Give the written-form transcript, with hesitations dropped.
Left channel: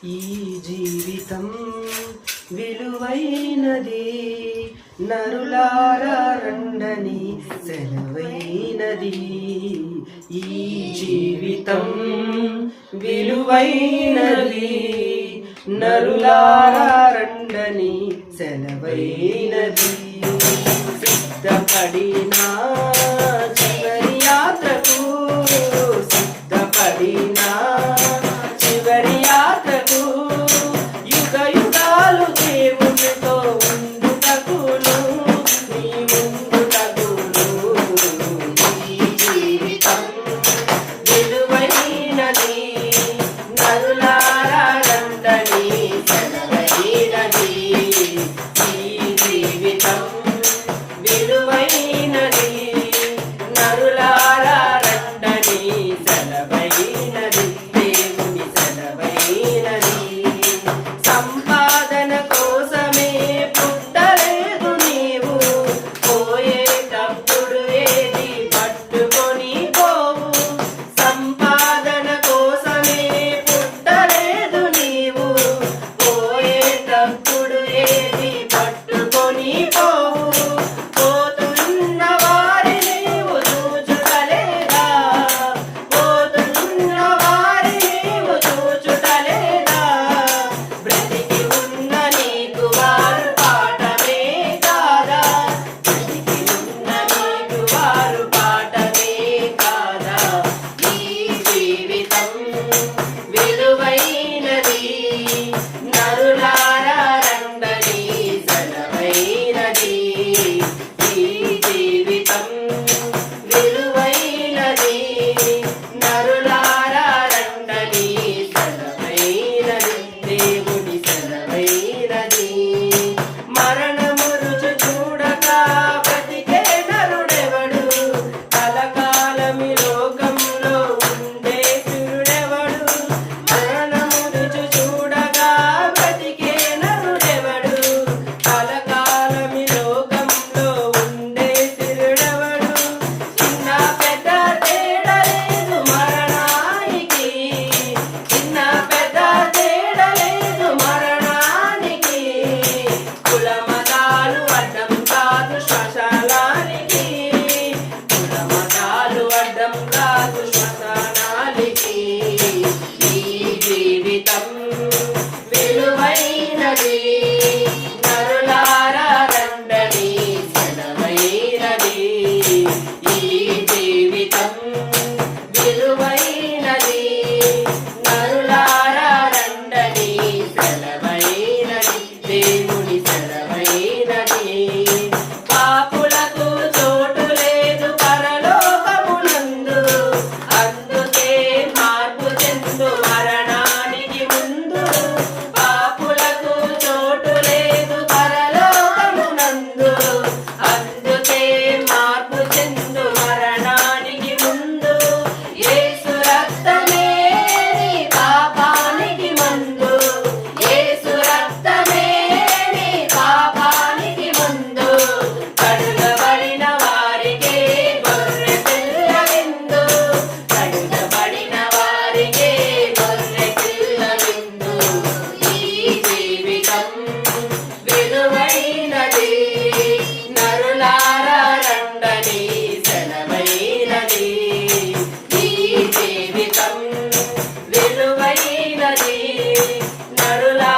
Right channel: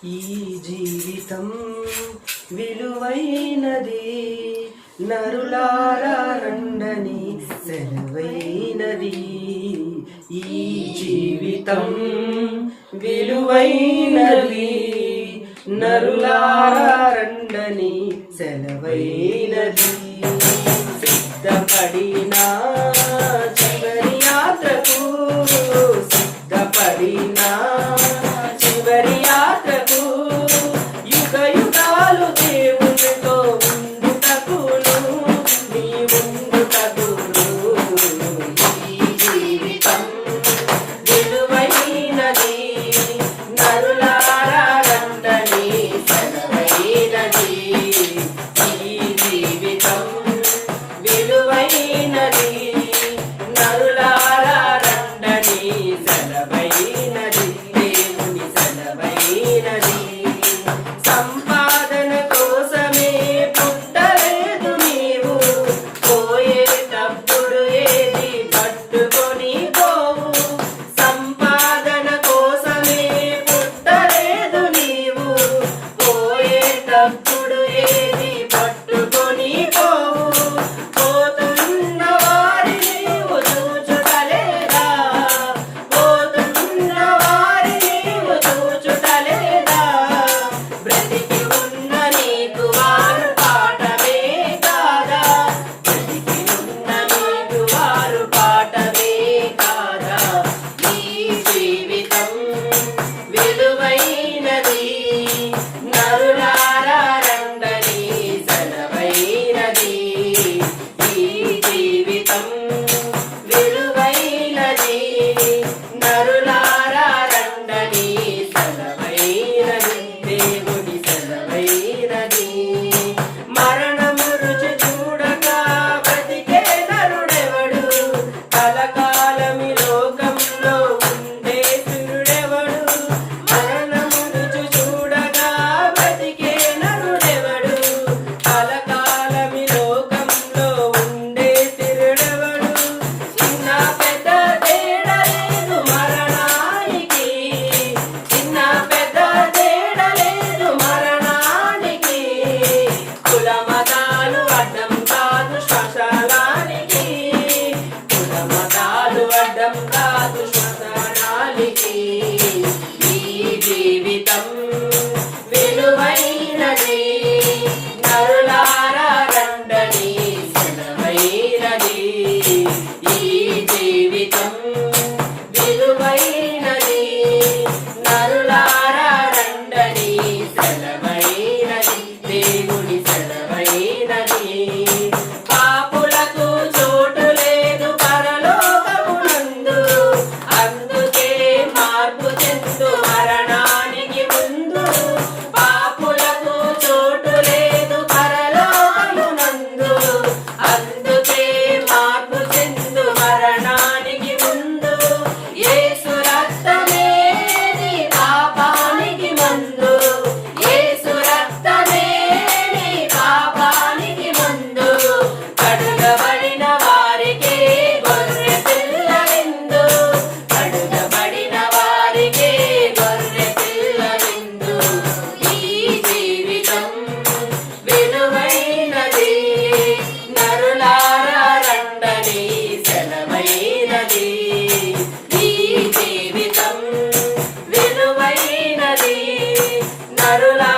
ఈ జీవితం విలువైనది, నరులారా రండని సెలవైనది. ఈ జీవితం విలువైనది, నరులారా రండని సెలవైనది. సిద్ధపడినా చివరి యాత్రకు, సిద్ధపడినా చివరి యాత్రకు, యుగ యుగాలు దేవునితో ఉండుటకును, నీ ఉండుటకును. ఈ జీవితం విలువైనది, నరులారా రండని సెలవైనది. ఈ జీవితం విలువైనది, నరులారా రండని సెలవైనది. దేవుని సెలవైనది. సంపాదన కోసమే పుట్టలేదు నీవు, పోయేటప్పుడు ఏది పట్టుకొని పోవు. సంపాదన కోసమే పుట్టలేదు నీవు, పోయేటప్పుడు ఏది పట్టుకొని పోవు. పోతున్న వారిని నీవు చూచుటలేదా, పోతున్న వారిని నీవు చూచుటలేదా. బ్రతికి ఉన్న నీకు వారు పాఠమే కాదా, బ్రతికి ఉన్న నీకు వారు పాఠమే కాదా. ఈ జీవితం విలువైనది, నరులారా రండని సెలవైనది. ఈ జీవితం విలువైనది, నరులారా రండని సెలవైనది. దేవుని సెలవైనది. మరణము రుచి చూడక బ్రతికే నరుడెవడు, కలకాలమి లోకంలో ఉండే సురుడెవడు. మరణము రుచి చూడగా బ్రతికే నరుడెవడు, కలకాలమి లోకంలో ఉండే సురుడెవడు. చిన్న పెద్ద తేడా లేదు మరణానికి, చిన్న పెద్ద తేడా లేదు మరణానికి. కుల మతాలు అడ్డం కాదు శ్మశానానికి, కుల మతాలు అడ్డం కాదు శ్మశానానికి. ఈ జీవితం విలువైనది, నరులారా రండని సెలవైనది. ఈ జీవితం విలువైనది, నరులారా రండని సెలవైనది. దేవుని సెలవైనది. పాపులకు చోటు లేదు పరలోకమునందు, అందుకే మార్పు చెందు మరణానికి ముందు. పాపులకు చోటు లేదు పరలోకమునందు, అందుకే మార్పు చెందు మరణానికి ముందు. యేసు రక్తమే నీ పాపానికి మందు, యేసు రక్తమే నీ పాపానికి మందు. కడుగబడిన వారికే గొర్రె పిల్ల విందు, కడుగబడిన వారికే గొర్రె పిల్ల విందు. ఈ జీవితం విలువైనది, నరులారా రండని సెలవైనది. ఈ జీవితం విలువైనది, నరులారా